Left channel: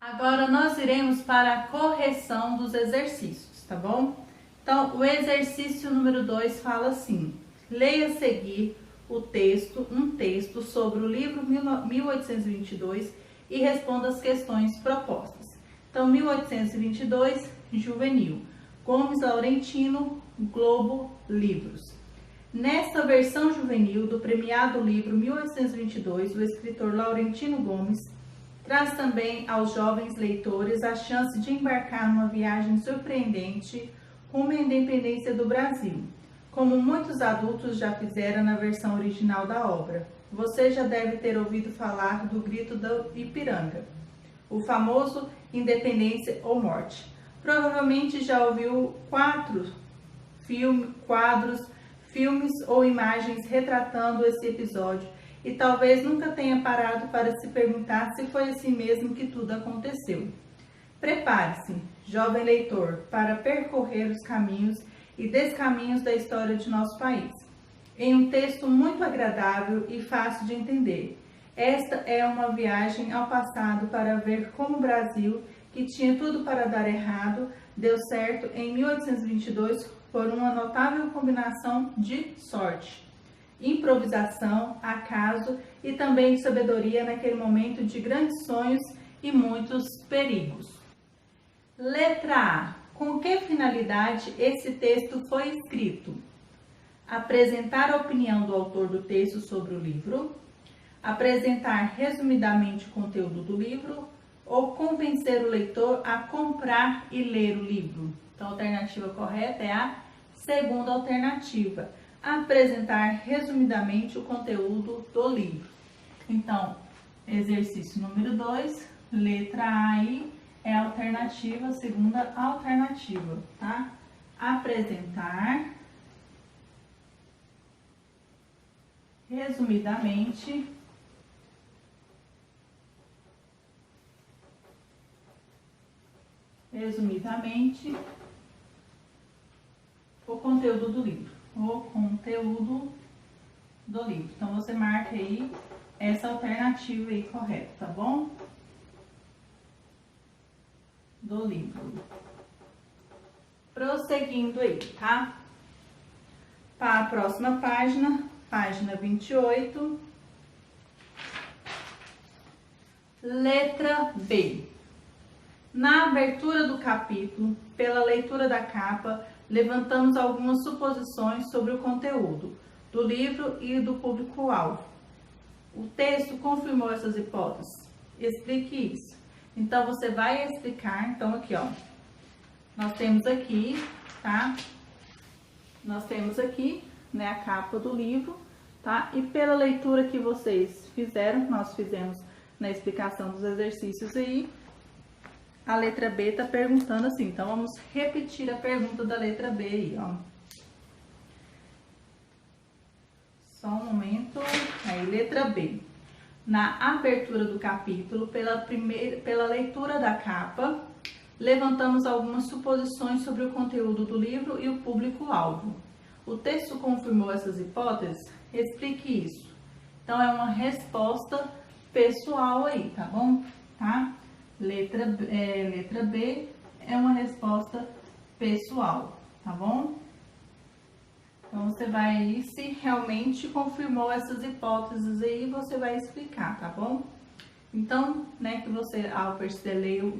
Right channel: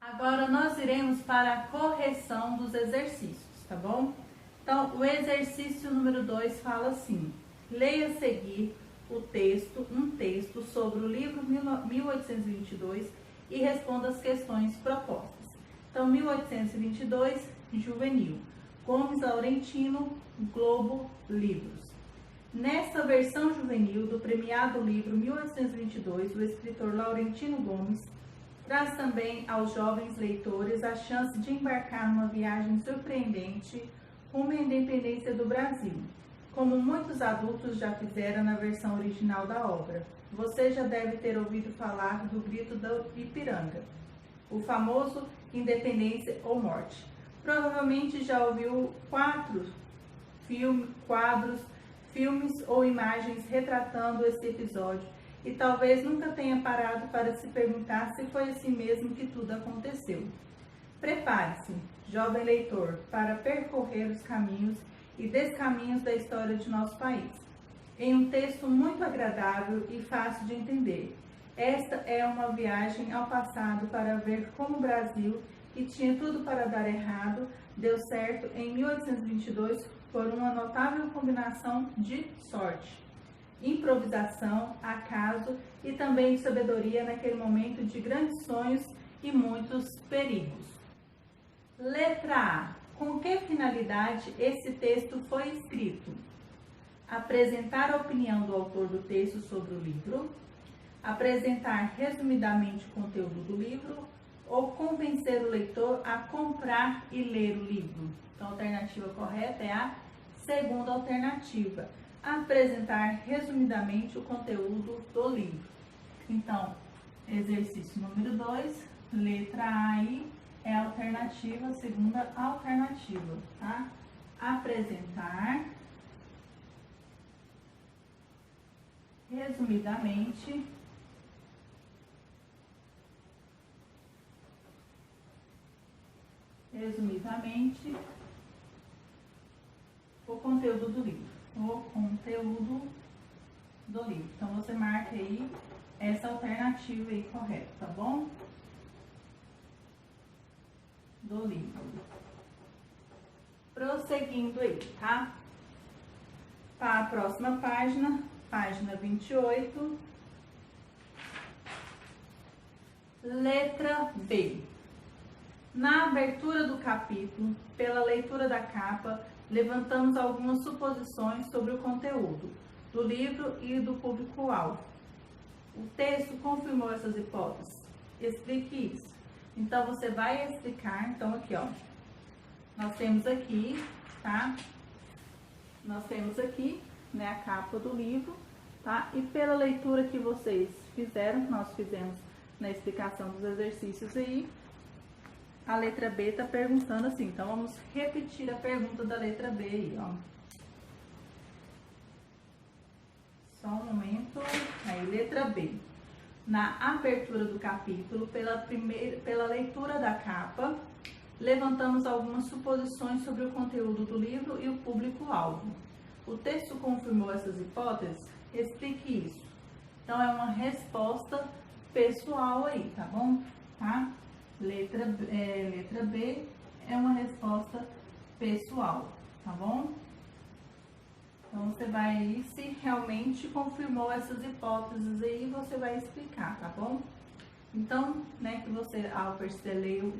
Agora nós iremos para a correção dos exercícios, tá bom? Então, o exercício número 2 fala assim: leia a seguir um texto sobre o livro 1822 e responda as questões propostas. Então, 1822, Juvenil, Gomes Laurentino, Globo Livros. Nesta versão juvenil do premiado livro 1822, o escritor Laurentino Gomes traz também aos jovens leitores a chance de embarcar numa viagem surpreendente rumo à independência do Brasil, como muitos adultos já fizeram na versão original da obra. Você já deve ter ouvido falar do Grito do Ipiranga, o famoso Independência ou Morte. Provavelmente já ouviu quadros, filmes ou imagens retratando esse episódio e talvez nunca tenha parado para se perguntar se foi assim mesmo que tudo aconteceu. Prepare-se, jovem leitor, para percorrer os caminhos e descaminhos da história de nosso país, em um texto muito agradável e fácil de entender. Esta é uma viagem ao passado para ver como o Brasil, que tinha tudo para dar errado, deu certo em 1822 por uma notável combinação de sorte, improvisação, acaso e também de sabedoria naquele momento de grandes sonhos e muitos perigos. Letra A. Com que finalidade esse texto foi escrito? Apresentar a opinião do autor do texto sobre o livro, apresentar resumidamente o conteúdo do livro ou convencer o leitor a comprar e ler o livro. Então, a alternativa correta é a segunda alternativa, apresentar resumidamente o conteúdo do livro. Então, exercício número 2, letra A aí é a alternativa, a segunda alternativa, tá? Apresentar resumidamente o conteúdo do livro. Então, você marca aí essa alternativa aí correta, tá bom? Do livro. Prosseguindo aí, tá? Para a próxima página, página 28. Letra B. Na abertura do capítulo, pela leitura da capa, levantamos algumas suposições sobre o conteúdo do livro e do público-alvo. O texto confirmou essas hipóteses? Explique isso. Então, você vai explicar, então aqui, ó, nós temos aqui, tá? Nós temos aqui, né, a capa do livro, tá? E pela leitura que vocês fizeram, nós fizemos na explicação dos exercícios aí, a letra B está perguntando assim, então vamos repetir a pergunta da letra B aí, ó. Só um momento. Aí, letra B. Na abertura do capítulo, pela leitura da capa, levantamos algumas suposições sobre o conteúdo do livro e o público-alvo. O texto confirmou essas hipóteses? Explique isso. Então, é uma resposta pessoal aí, tá bom? Tá? Letra B é uma resposta pessoal, tá bom? Então, você vai aí, se realmente confirmou essas hipóteses aí, você vai explicar, tá bom? Então, né, que você, ao perceber,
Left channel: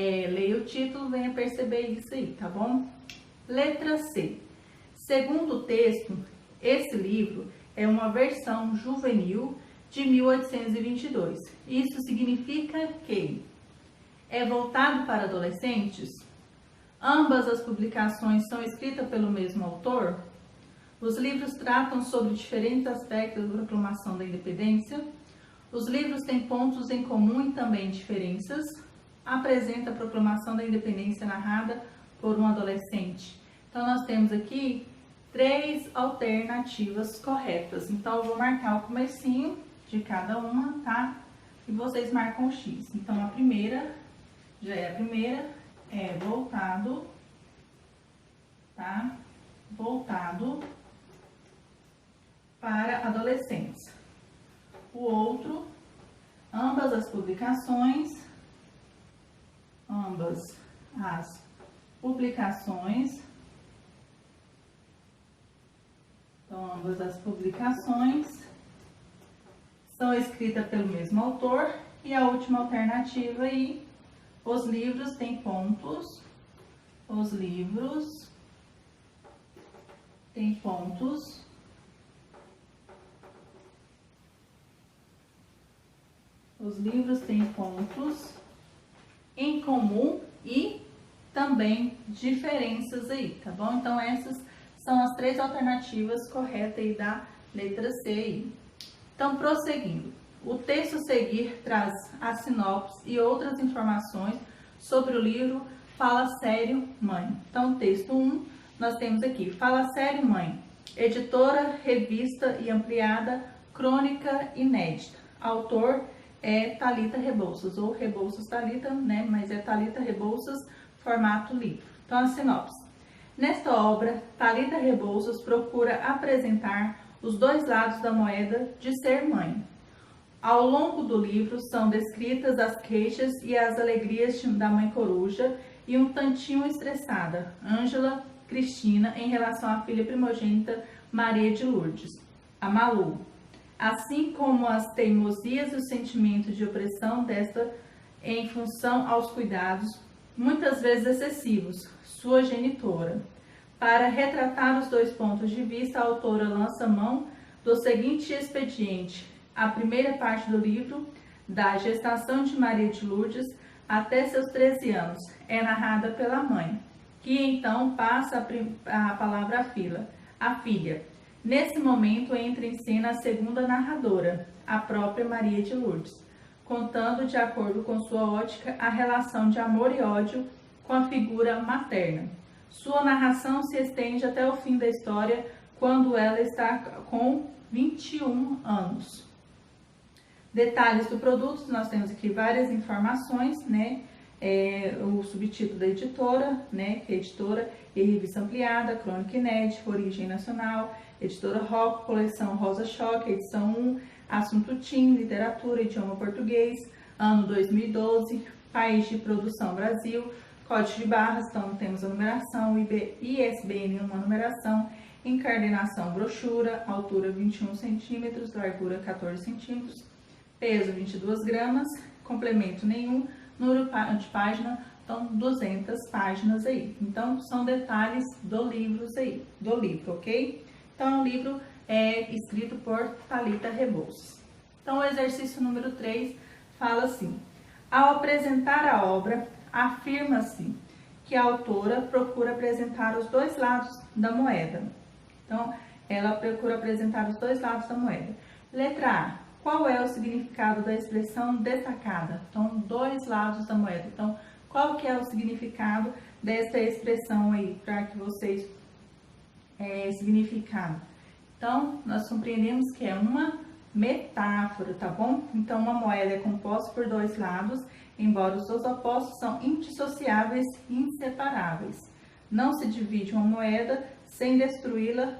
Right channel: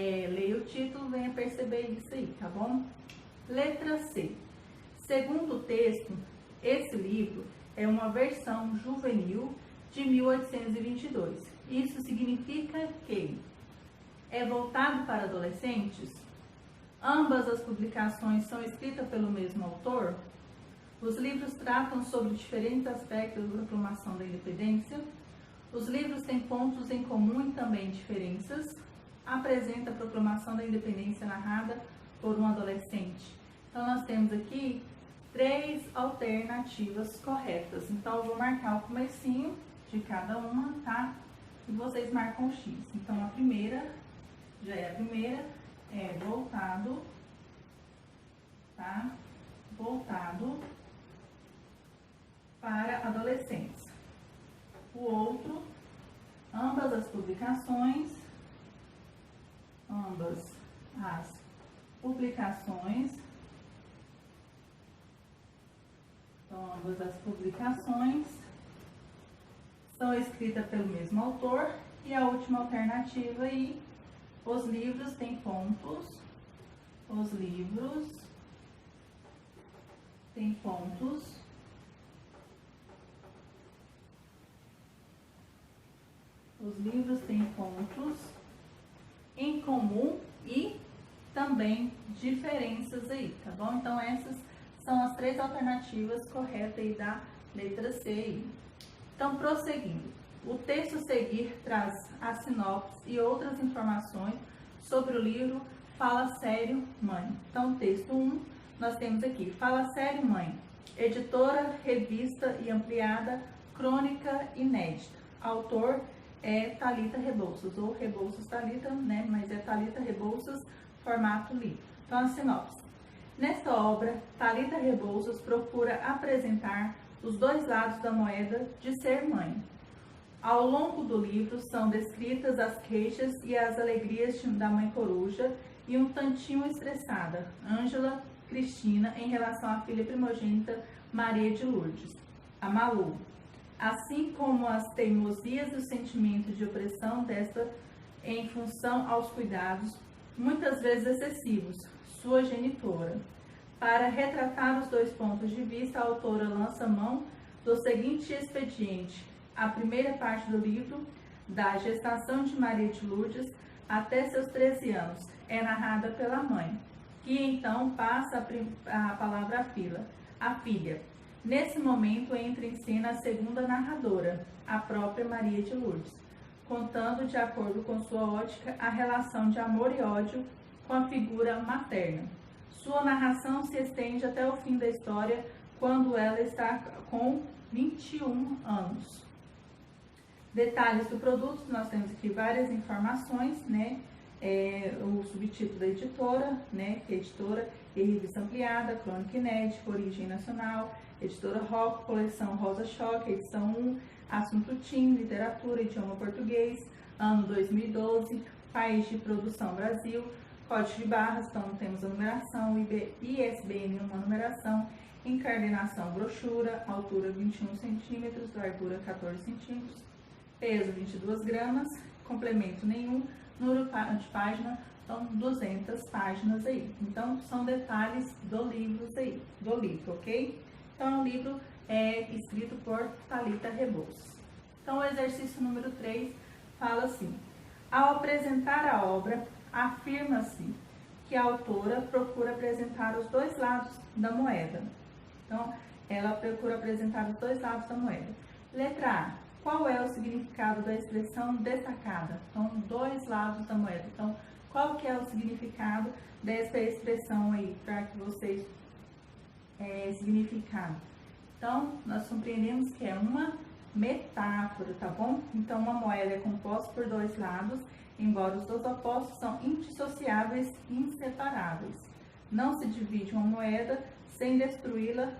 leia o título, venha perceber isso aí, tá bom? Letra C. Segundo o texto, esse livro é uma versão juvenil de 1822. Isso significa que é voltado para adolescentes? Ambas as publicações são escritas pelo mesmo autor? Os livros tratam sobre diferentes aspectos da proclamação da independência? Os livros têm pontos em comum e também diferenças? Apresenta a proclamação da independência narrada por um adolescente? Então, nós temos aqui 3 alternativas corretas. Então, eu vou marcar o comecinho de cada uma, tá? E vocês marcam o X. Então, a primeira, é voltado, tá? Voltado para adolescentes. O outro, ambas as publicações, então, ambas as publicações são escritas pelo mesmo autor. E a última alternativa aí, os livros têm pontos, os livros têm pontos em comum e também diferenças aí, tá bom? Então essas são as 3 alternativas corretas aí da letra C aí. Então, prosseguindo. O texto a seguir traz a sinopse e outras informações sobre o livro Fala Sério, Mãe. Então, texto 1, nós temos aqui, Fala Sério, Mãe, editora, revista e ampliada, crônica inédita. Autor é Thalita Rebouças, ou Rebouças Thalita, né? Mas é Thalita Rebouças, formato livro. Então, a sinopse. Nesta obra, Thalita Rebouças procura apresentar os 2 lados da moeda de ser mãe. Ao longo do livro são descritas as queixas e as alegrias da mãe coruja e um tantinho estressada, Ângela Cristina, em relação à filha primogênita Maria de Lourdes, a Malu, assim como as teimosias e os sentimentos de opressão desta em função aos cuidados, muitas vezes excessivos, sua genitora. Para retratar os 2 pontos de vista, a autora lança mão do seguinte expediente. A primeira parte do livro, da gestação de Maria de Lourdes até seus 13 anos, é narrada pela mãe, que então passa a palavra à filha. Nesse momento entra em cena a segunda narradora, a própria Maria de Lourdes, contando, de acordo com sua ótica, a relação de amor e ódio com a figura materna. Sua narração se estende até o fim da história, quando ela está com 21 anos. Detalhes do produto, nós temos aqui várias informações, né? O subtítulo da editora, né? Que é editora e revista ampliada, crônica inédita, origem nacional, editora Rock, coleção Rosa Choque, edição 1, assunto TIM, literatura, idioma português, ano 2012, país de produção Brasil, código de barras, então temos a numeração, ISBN uma numeração, encadernação brochura, altura 21 centímetros, largura 14 centímetros, peso 22 gramas, complemento nenhum, número de página, então 200 páginas aí. Então são detalhes do livro aí, ok? Então o livro é escrito por Thalita Rebouças. Então o exercício número 3 fala assim: ao apresentar a obra, afirma-se que a autora procura apresentar os 2 lados da moeda. Então, ela procura apresentar os 2 lados da moeda. Letra A. Qual é o significado da expressão destacada? Então, 2 lados da moeda. Então, qual que é o significado dessa expressão aí, para que vocês significado? Então, nós compreendemos que é uma metáfora, tá bom? Então, uma moeda é composta por 2 lados, embora os seus opostos são indissociáveis e inseparáveis. Não se divide uma moeda sem destruí-la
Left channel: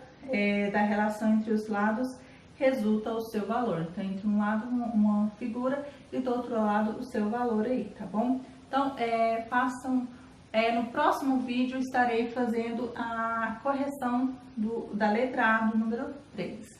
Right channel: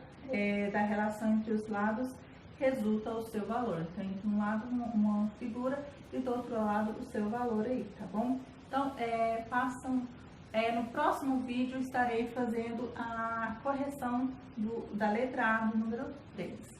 da relação entre os lados, resulta o seu valor. Então, entre um lado uma figura e do outro lado o seu valor aí, tá bom? Então, no próximo vídeo estarei fazendo a correção da letra A do número 3.